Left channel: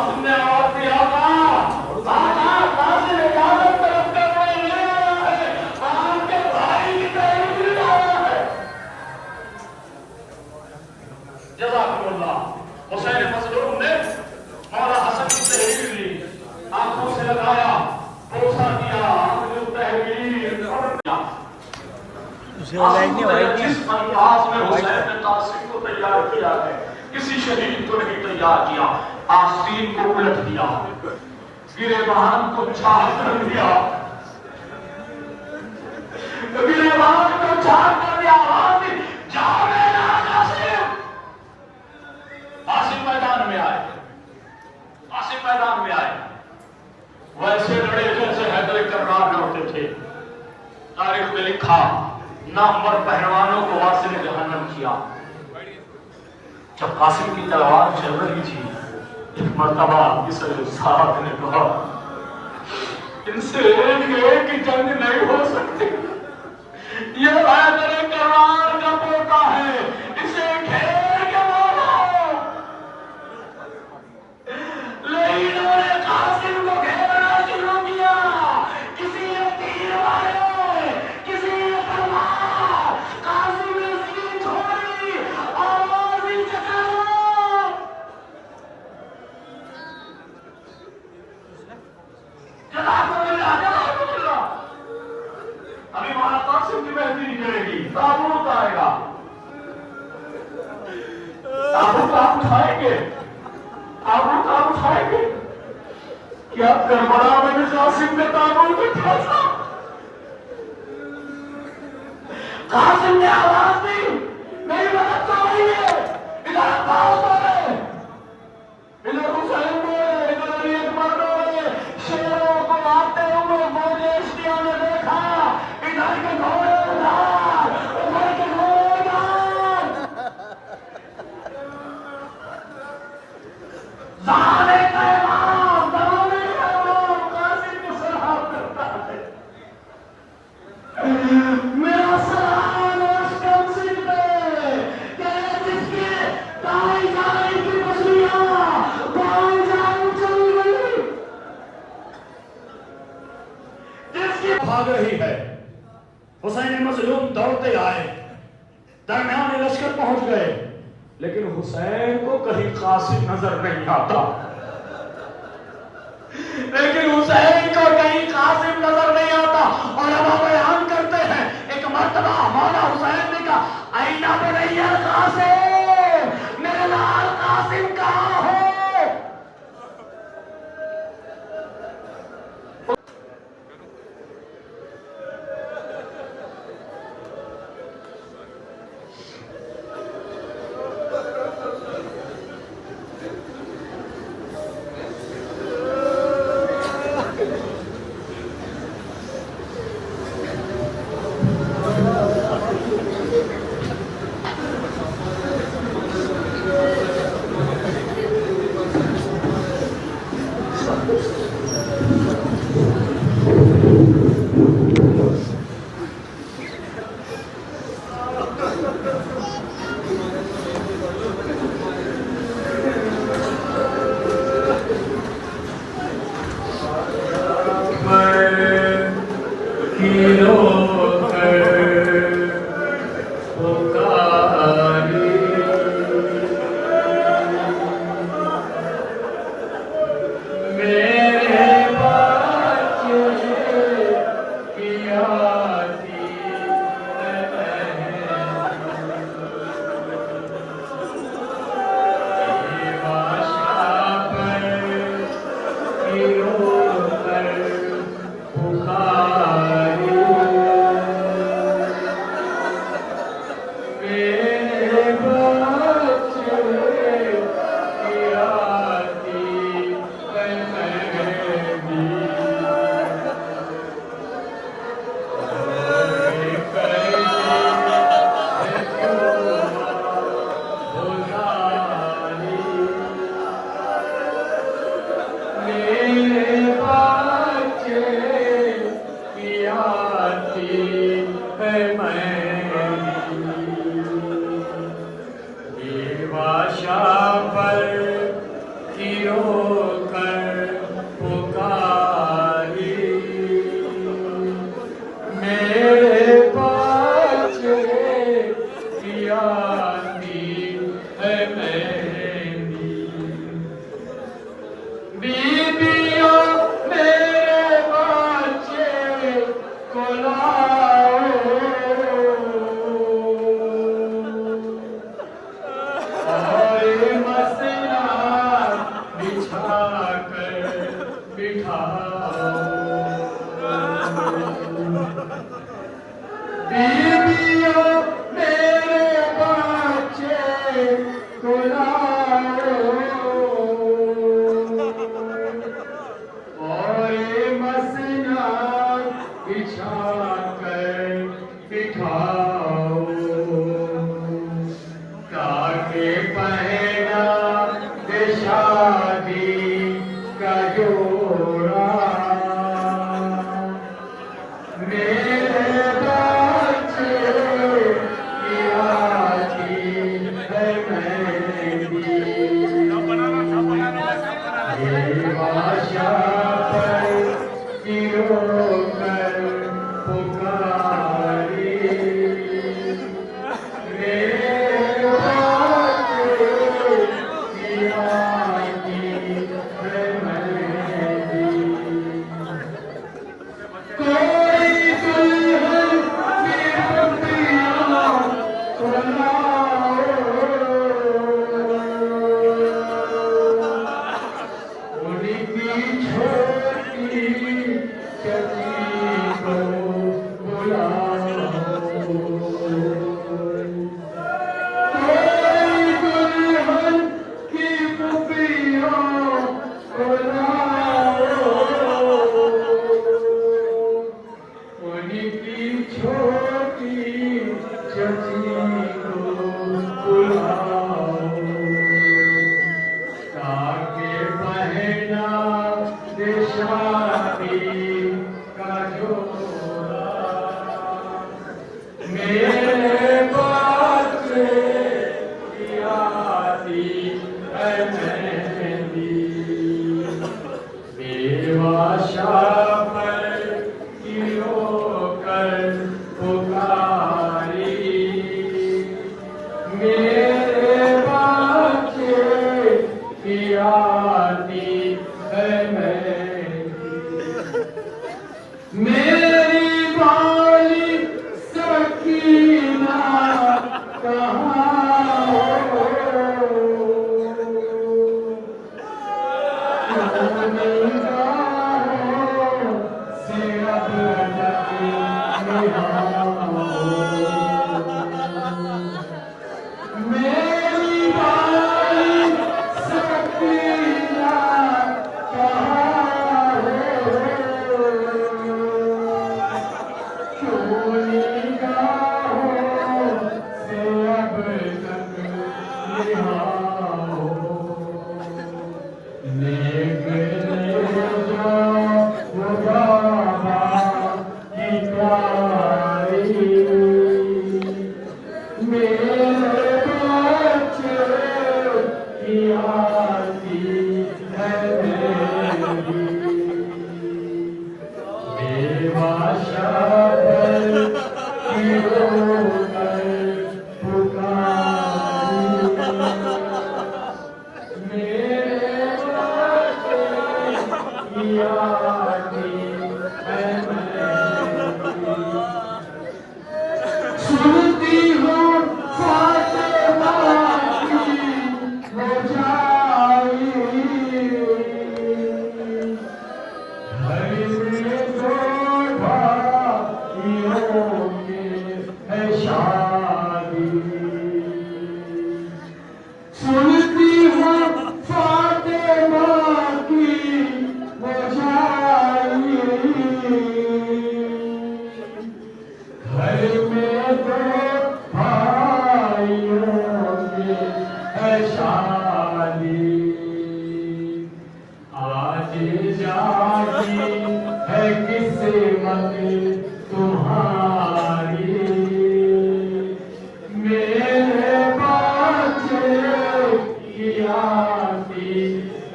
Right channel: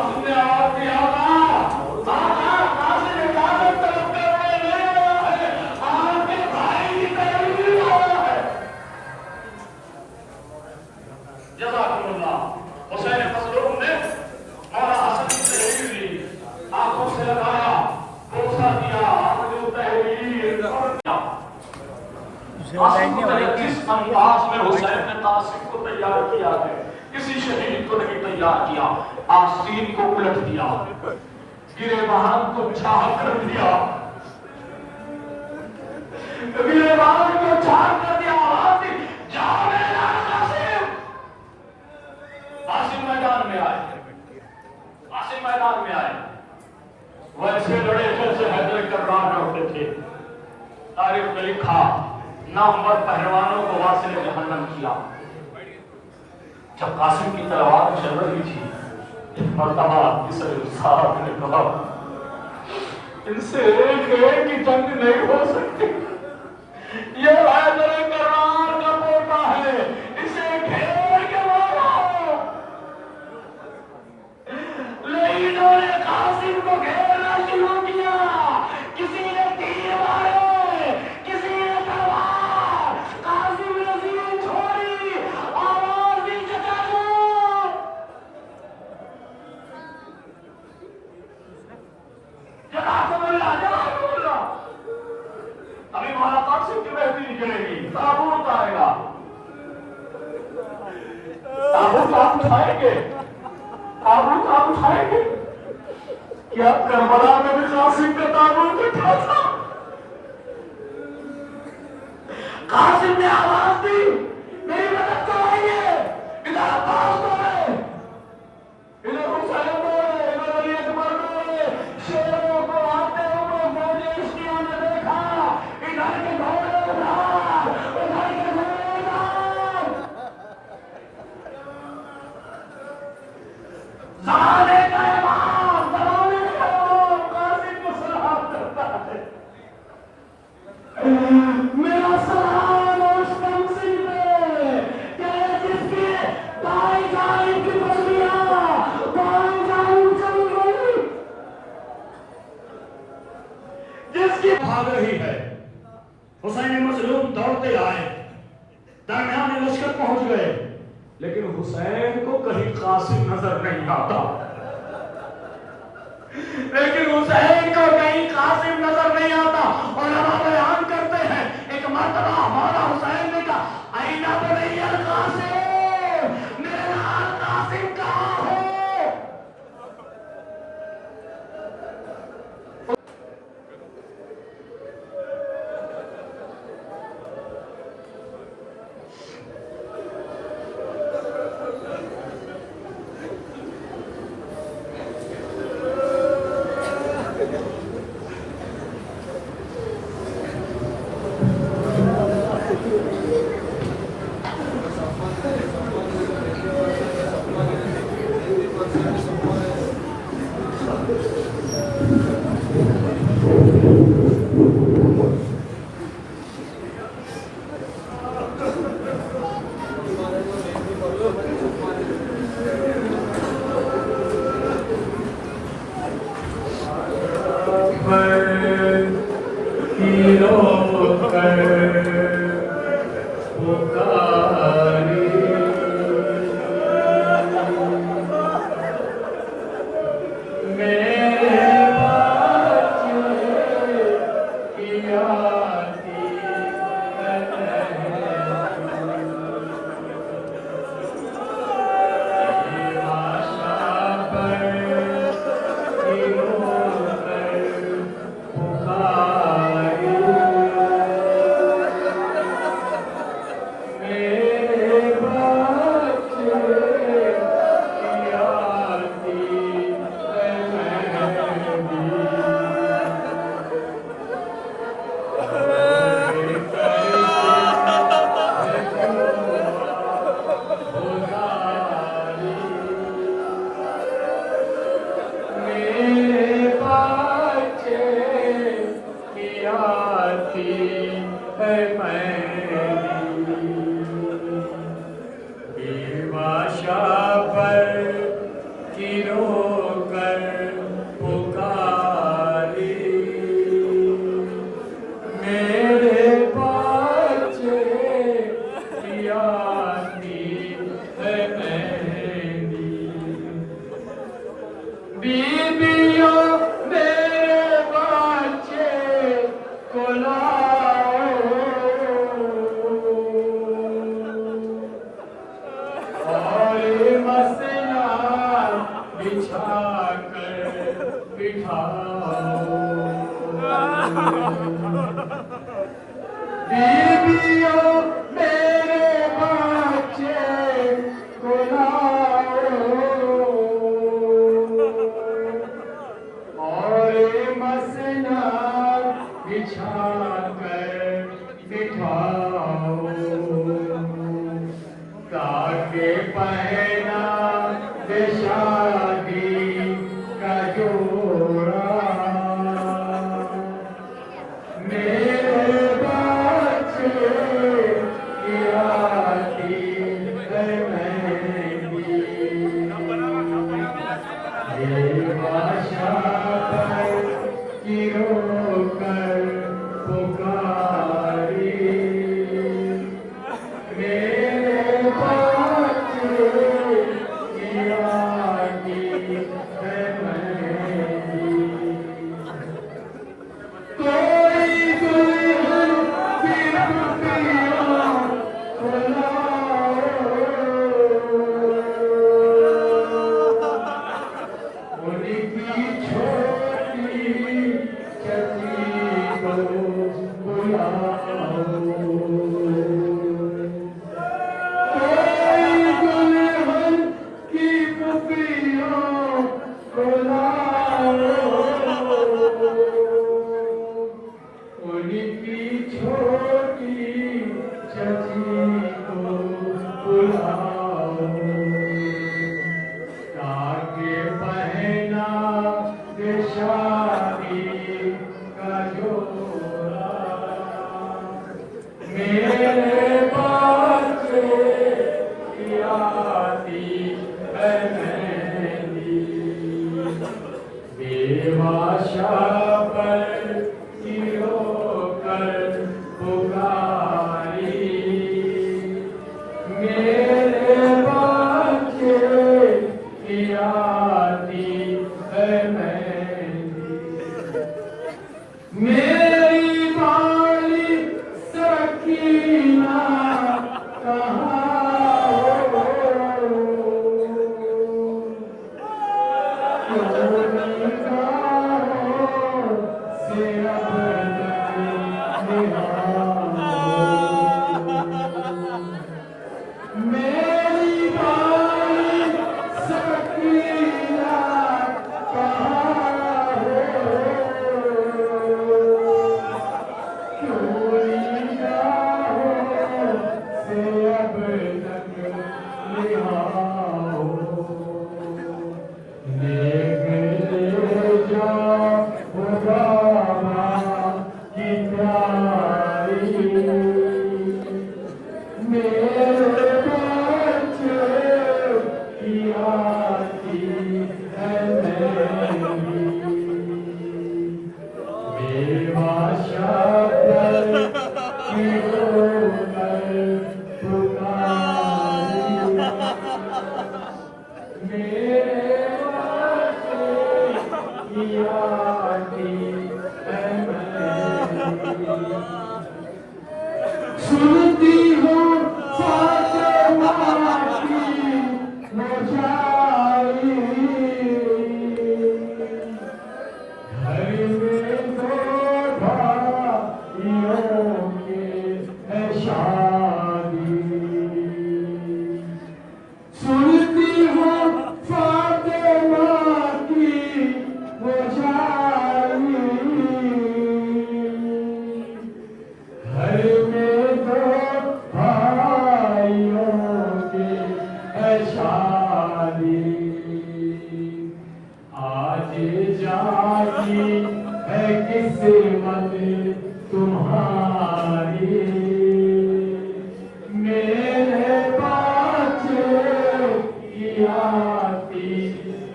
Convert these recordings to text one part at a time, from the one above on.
कासिम ने आवाज दिया होगा, कासिम इजाजत तरफ करने नहीं आया है, आपके भाई की तरफ गिर जाना है। जज़ाकुमुल्लाह। हुसैन मज़लूम ने मौला हसन की तहरीर ली, आंखों से लगाया, भरोसा दिया, अपनी तहरीर और जिस अंदाज में हुसैन ने कासिम को तैयार किया है, किसी शहीद को नहीं तैयार किया। आस्तीन को उलट दिया, गिरेबान को झाड़ कर दिया, गिरेबान को झाड़ कर दिया। आवाज दी, जाओ मेरा कासिम। कासिम मैदान में आए, कासिम मैदान में आए, वैसे लड़े जैसे हैदर कर्रार लड़ते थे। तारीख में लिखा, नामवर पहलवानों को वासिल जहन्नम किया। जब कासिम की तलवार चल रही थी, एक मर्तबा इस साहब ने कहा, इनसे एक ही जंग नहीं हो सकती, ये हैदर कर्रार का पोता है, इसे घेर के मारो। लेकिन उन्होंने कासिम को घेरना शुरू किया। किसी ने तीर मारे, किसी ने तलवार, कासिम ने जीत छोड़ी, आवाज नीचे करो। जज़ाकुमुल्लाह, जज़ाकुमुल्लाह। अभी मौला कासिम की बेहतरी करेगी, ताबूत आएगा, ताबूत आप उठाएंगे, ताबूत आप उठाएंगे। क्या करबला में भी कासिम का ताबूत उठा था? कासिम ने आवाज दी, मेरी मदद कराइए। इधर अब्बास बोले, इधर हुसैन बोले, इधर अली अकबर बोले। शेरों को आते हुए मोलेस्टियों ने देखा, इधर के घोड़े उधार, उधर के घोड़े उधार। ज़माने का इमाम, ज़माने का इमाम कासिम को सलाम करता है। मेरा सलाम उस कंसी पे, क्या जिसकी ताई जाने की मछलियां ताई जान चल रही, जिसकी भाग रही है। हुसैन मज़लूम दौड़ते आए, दरमियान लश्कर पहुंच गए, लेकिन हुसैन को कहीं कासिम नजर नहीं आता। लेकिन हुसैन को कहीं कासिम नजर नहीं आता। और अब बयान करते हैं, एक मर्तबा हमारा हुसैन ने कहा, आईना बनैया कासिम, मेरे लाल कासिम कहाँ हो?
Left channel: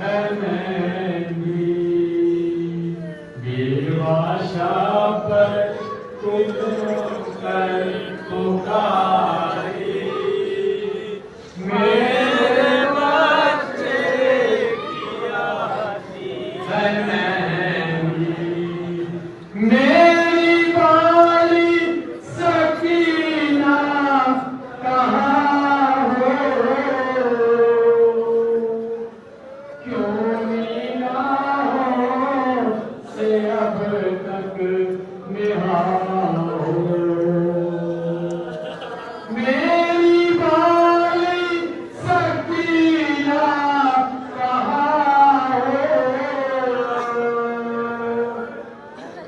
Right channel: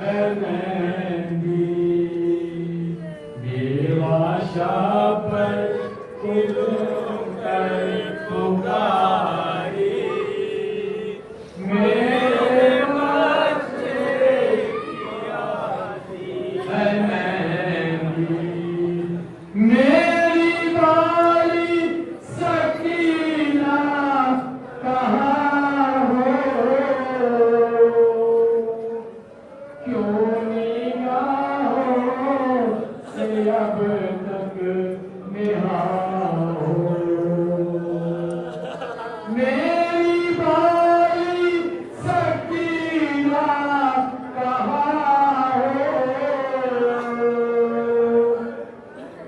है मेहंदी बेवाशा पर कर पुकारी मेरे बच्चे है मेहंदी मेरी बाली सकीना कहाँ हो क्यों निगाहों से अब तक निहार हो मेरी बाली सकीना कहाँ हो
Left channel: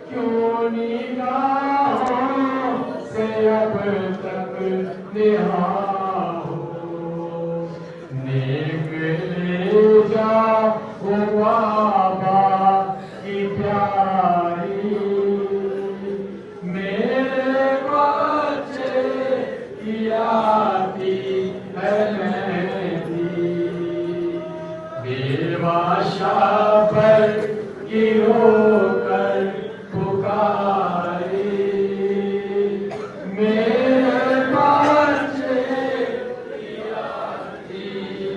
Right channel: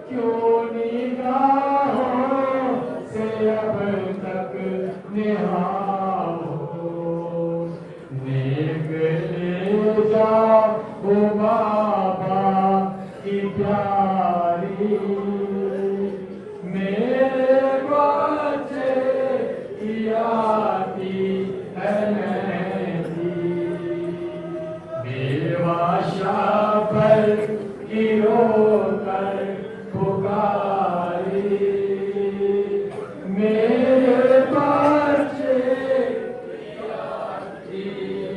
क्यों निगाहों से अब तक निहार हो नेक ले जा वो बाबा की प्यारी मेरे बच्चे आती है मेहंदी बेवाशा पर गिरो कर पुकारी मेरे बच्चे आती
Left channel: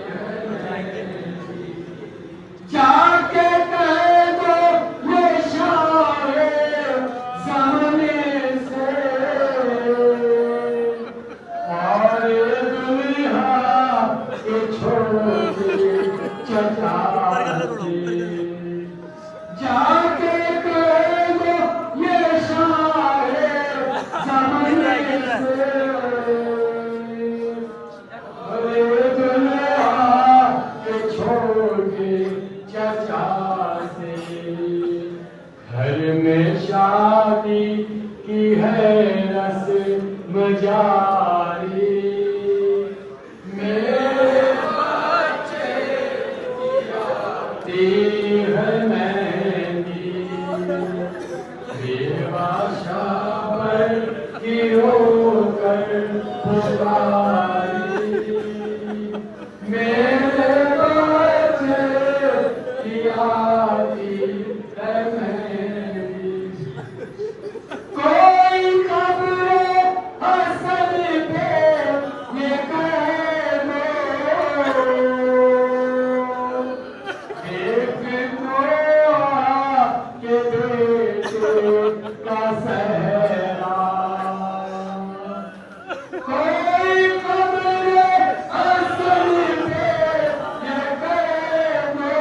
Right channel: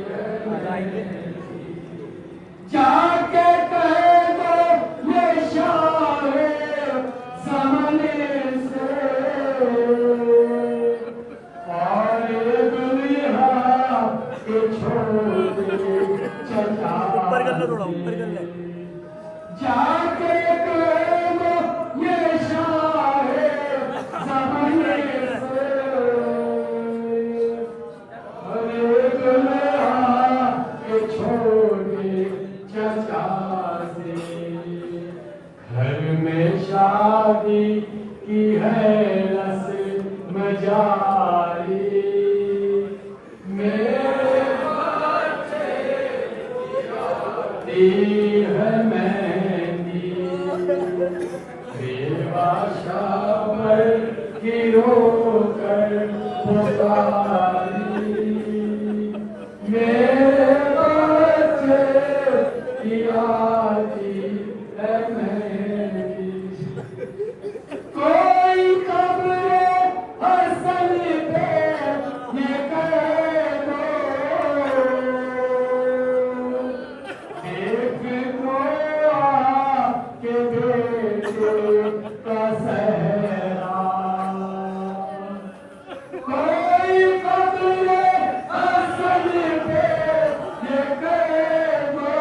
है मेहंदी जाके कह दो ये शाये ज़माने से और दुनिया के छोड़ो चचा जाके कह दो ये शाये ज़माने से और दुनिया के छोड़े चचा से घर में शादी की है रस्म जारी मेरे बच्चे आती है मेहंदी बेवाशा पर गिरो कर पुकारी मेरे बच्चे आती है मेहंदी कोई कब्रे हसन पे ये कह दो देख को के बेटे का सहरा कोई कब्रे हसन पे ये कह दो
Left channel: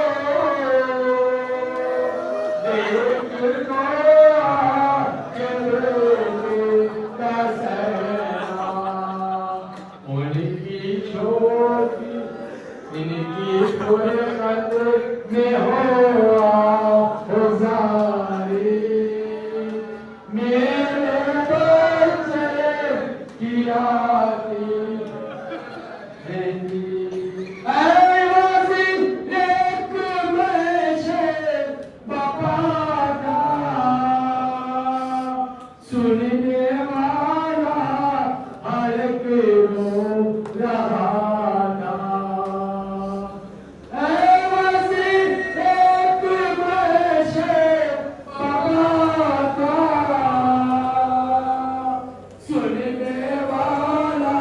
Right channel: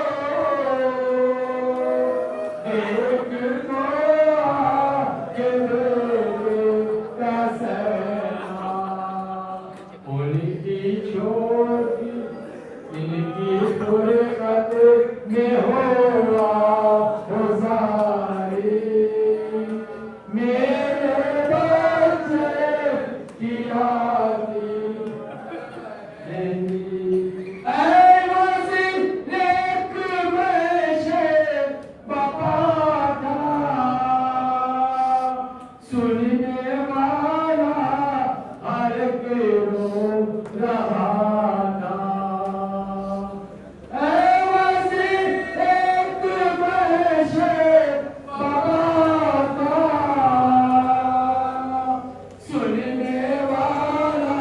देख को उनकी छोटी इनकी फुरकत में हुआ गुजारी मेरे बच्चे की आती सुनने वाला हर एक रो रहा था एक बशे बाबा सुनने वाला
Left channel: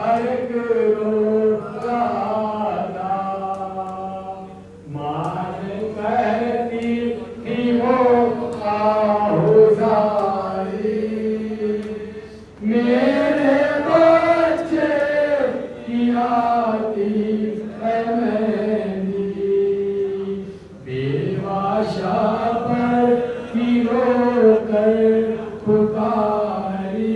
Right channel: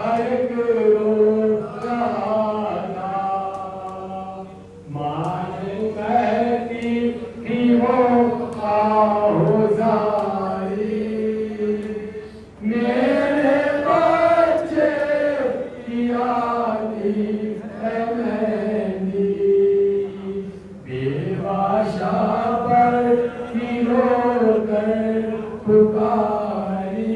हर एक रो रहा था मान कहती थी वो मेरे बच्चे की आती है मेहंदी बेवाशा पर गिरो कर पुकारी